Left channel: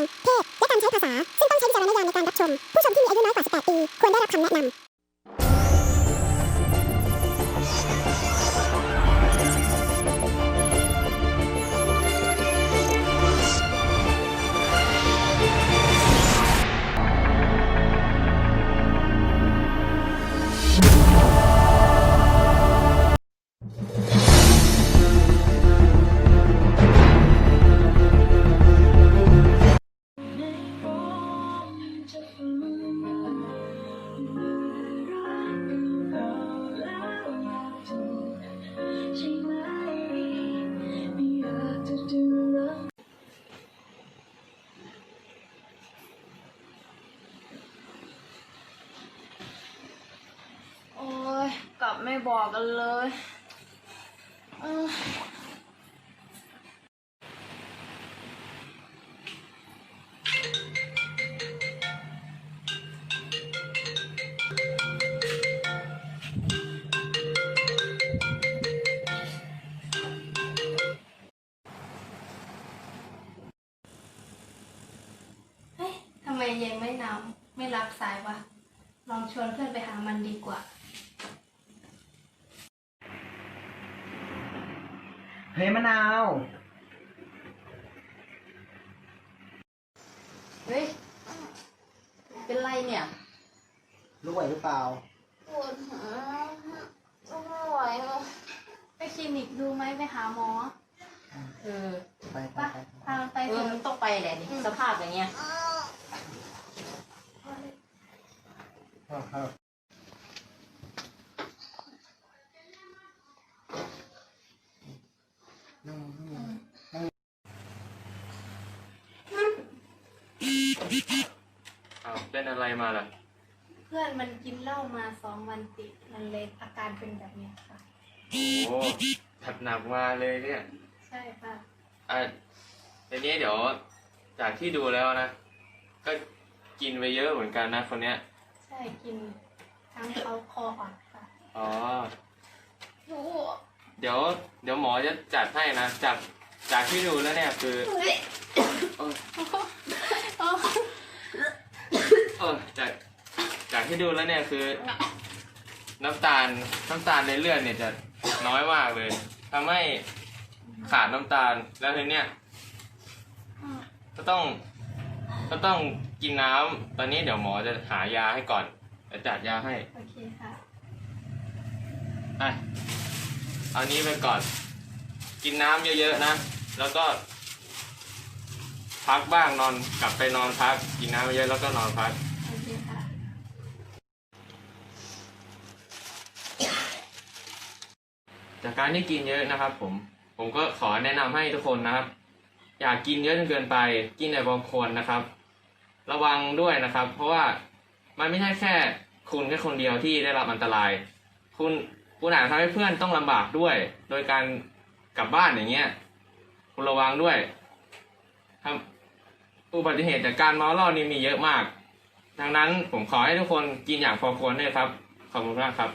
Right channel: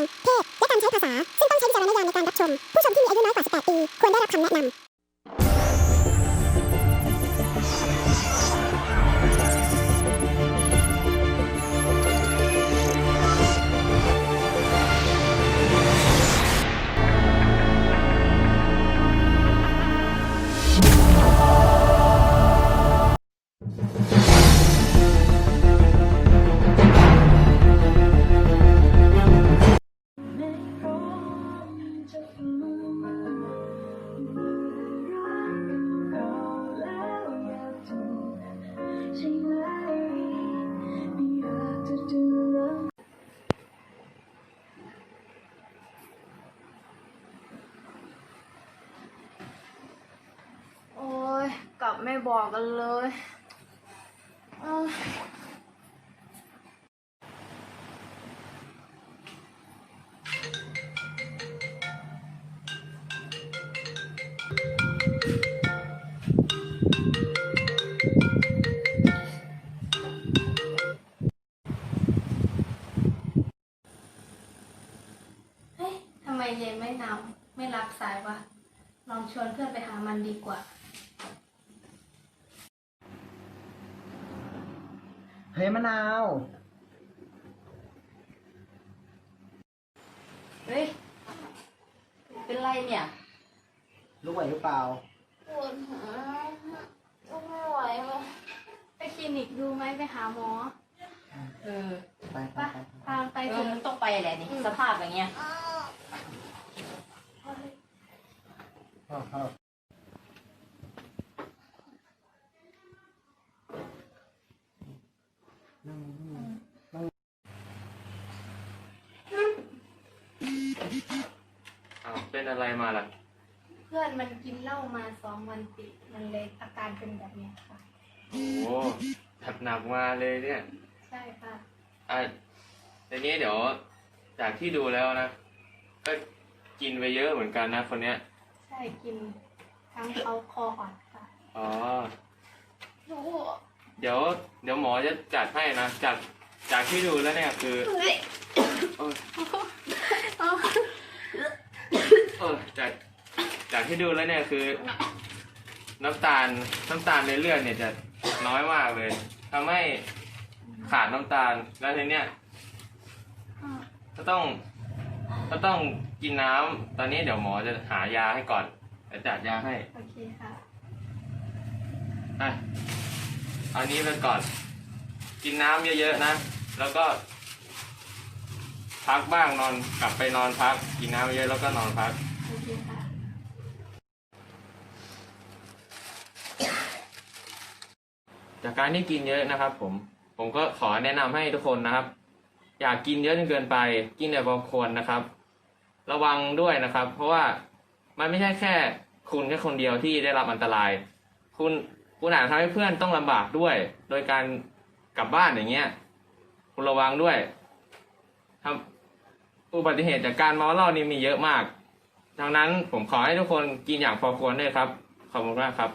ง เพศ และการใช้ภาษา ซึ่งต้องใช้วิจารณญาณในการรับชม ผู้ชมที่มีอายุน้อยกว่า 18 ปี ควรได้รับคำแนะนำ กลับไม่บอกกันเลยเฮ้ทำไมเย็นไม่นำไม่รับสายวะ ลองชวนเพื่อนไปหามันดีกว่า เฮ้ยมะนาว เฮ้ย เป็นไรเนี่ย รู้ไหวหรือเปล่า ปวดหัวก็ไม่ไหวเลยไปคลินิกดูไหมไปหาหมอเออไปไปปะไปพาไปเอเถออะมันต้องไปแหละนี่สภาพอย่างเงี้ยเข้าเข้านั่งนั่ง อ้าวเป็นอะไรมาล่ะ เพื่อนมันกินเหล้ามาสองวันติดมันเลยอาการเป็นแบบเนี้ยค่ะ โอ้จัดหนักมาเลยเนี่ยใช่ค่ะ อะทีนี้เดี๋ยวจากที่ดูแล้วนะ ก็กินไปเยอะเหมือนกันนะคนเนี้ย ใช่กินทั้งเขาคออ่อนค่ะ อ๋อโอ้ เดี๋ยว เดี๋ยวหมอจะจัดให้นะจากจากที่ดูแล้วเนี่ยคือเอยเออจากจากที่ดูแล้วเนี่ยคือ น้ำตาลน้ำตาลในเลือดเนี่ยจะน้อยมากเลยทำให้ขาดน้ำตาลแล้วทีเนี้ยก็ต้องก็ต้องกินน้ำตอนนี้เดี๋ยวหมอจะหายาให้ก่อนเดี๋ยวจัดยาให้โอเคค่ะอะ อันนี้ไปก่อน กินน้ำเยอะๆนะ แล้วก็ พักบ้างนอนกลับไปนอนพัก กินน้ำเยอะแล้วก็นอนพัก โอเคค่ะ จากการที่กินเยอะนะครับ ผม ผมก็ขอแนะนำให้ทุกคนนะครับ อย่ากินเยอะจนเกินไป กินแต่พอควรนะครับ ระวังด้วยนะครับ เพราะว่ามันไม่ใช่แค่คุณแค่คนเดียวที่ได้รับอันตราย คุณ คุณอาจทำให้เพื่อนต้องลำบากด้วย โดยการกลับบ้านอย่างเงี้ย คุณระวังด้วยทำอุบัติเหตุจากการเมาเหล้านี่มีเยอะมาก ดังนั้นผมขอให้ทุกคนกินอย่างพอควรด้วยครับ ขอบคุณมากครับ